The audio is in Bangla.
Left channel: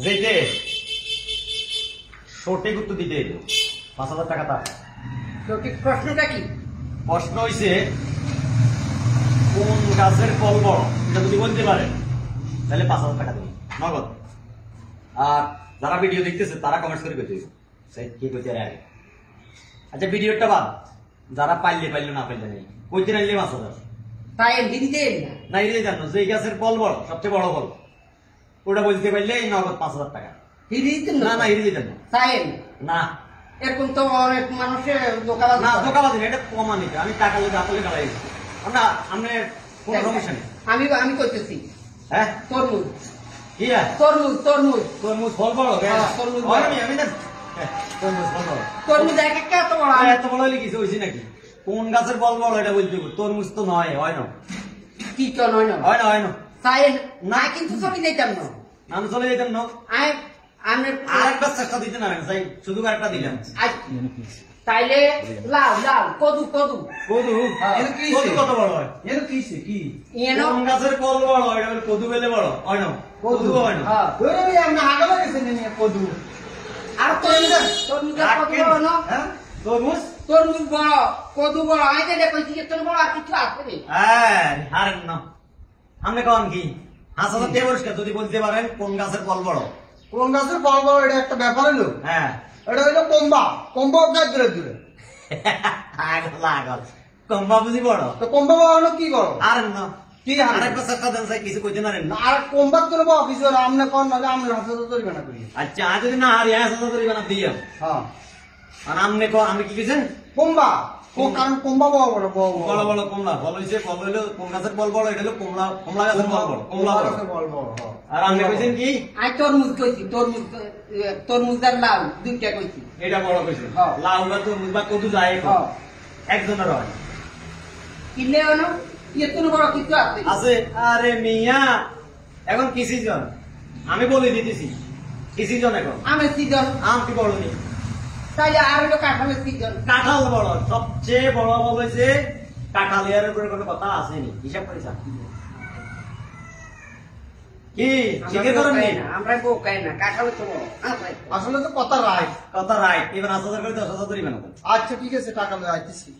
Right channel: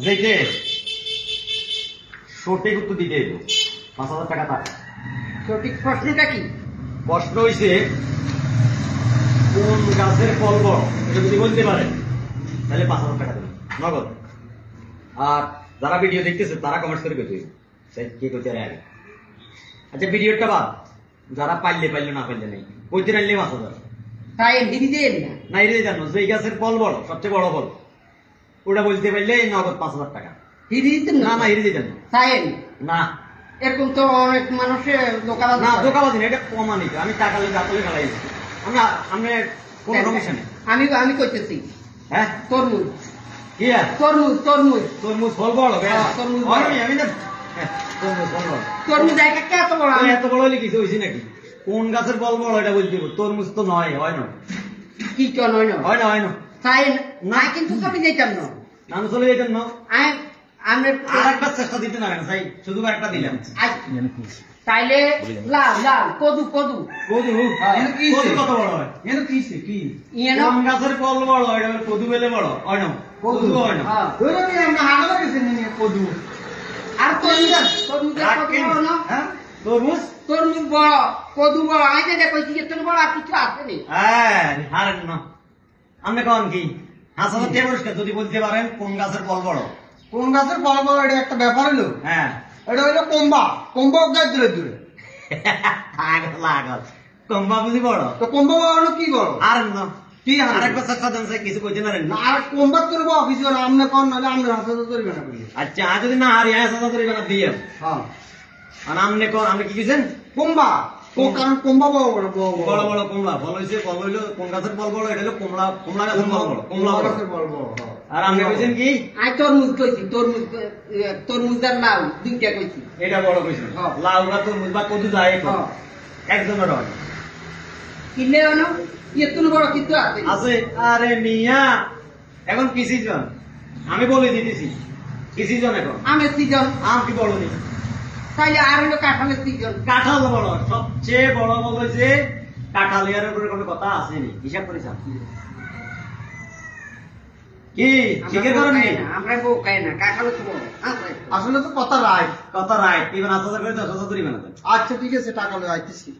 যেতে সঠিক উত্তর দিতে এলো 5,000 টাকা টাকা। সঠিক প্রশ্নটা কি? প্রশ্ন হইছে কোন গাছের ফল বড়, এটা যদি বলতে পারেন তাহলে 5,000 টাকা দেবেন নগদ। আর যারা ভিডিও দেখতেছে তারা কমেন্টস করে কইতে কে কইতে আগে। আচ্ছা ভিডিওটা বাদ, যারা পাইলে না পাইলে নেই কইতে রাখলে 5,000 তাই হিরি দেন না। না এর জানো যে গাছের ফল বড়, সবচেয়ে বড় ফল ওটা বলতে পারলে নগদ 5,000 টাকা। হিরি দিতেন না না হিরে দিতেন তাই না। এখন তো অনেক মানুষের দোকান না দোকাবাজি না, এটা প্রমাণিত। আমি টাকা লেগে আপলে ফেলাই আমরা আমি কোন সমস্যা নেই। আমি কইতেছি হ্যাঁ তরমুজ কি তরমুজ তরমুজ তরমুজ ফল বড় তরমুজ আমি না তরমুজ ফল বড়। তরমুজ এক একটা এত বড় এত বড় হলে কিছু হয়েছে নাকি? কোন গাছের ফল বড় এটা বলতে হবে। তরমুজ তো নয়, হয় না কি কেন হয় না হয় না তাই না, কিন্তু চলে যাইতাম না আমি চলে যেতাম না। আমি আর একটা চেষ্টা দিতে না তাই শুধু একটা দিলাম। তাইলে লাল লাল কদু কদু কদু কদু কত বড় হয়? কি কোন গাছের ফল বড় এটা কদু বেলে বড় হয় না? কদু হয় না। আর তরমুজ তরমুজ কত বড় না? তরমুজ তরমুজ বড় কদু বড় আমি যেটা কইছি এত বড় আর কিছু আছে নি। হ্যাঁ হারেন না। আপনি কন কি হাসানো কে পরিষ্কার যদি বলতে পারেন কোন গাছের ফল বড়? কোন গাছের ফল বড় এটা একটা ব্যাপার হলো। হ্যাঁ এটা হলো কম্বা গাছ দূরে দূরে। লাগল কম্বা বুঝি বড় তো কম্বা বানানো কি বড়? আর না কি আরেকটা চেষ্টা দেন স্যার, কিছু কইতে না রেন। আর কম্বা তুলব অফিসে আমনে কম নালে আমনে হাসপাতাল তৈরি না করি। আচ্ছা আজ যদি না আর ইয়া সাথে করে বানা দিয়ে হ্যাঁ আর আমনে কো আমি কি কইছেন? কম্বা ও কারণ কম্বা বড় বড় বড় কমলা ফল হইছে। ফল হইলো কোন গাছের ফল বড়? এটা হলো কমলা। কমলা গাছের ফল বড়। কমলা গাছের ফল বড়। আর আপনি কইছেন কি? আই তরমুজ কইছি তরমুজ তরমুজ আর লাউ দুইটা কইছি। এটা বড় কইছেন। হ্যাঁ। লাউ বা তরমুজ বা কদু যায় তো হ্যাঁ একজনের হয় কিনে আনো এত বড় কিছু আছে আছে। আরে মিয়া এখন কি সিজন আমি বলে দিতেছি কি সিজন এখন। আমের সিজন আম কি বড় নেই? তাইলে আর হলো কাঁঠালের সিজন। কাঁঠাল বড়, সবচেয়ে বড় ফল হয়েছে কাঁঠাল। এর উপরে কোনো কথা আসেনি, হিসাব করে চান কি জিজ্ঞেস করেন নি? আমরা বউ খাই না কাঁঠাল তো বড় আসলে তো কথা রাইট। কথা রাইট। এবার 10,000 করে 10,000 ধরি বানাতো। আচ্ছা ঠিক আছে টাকা আমি আইতেছি।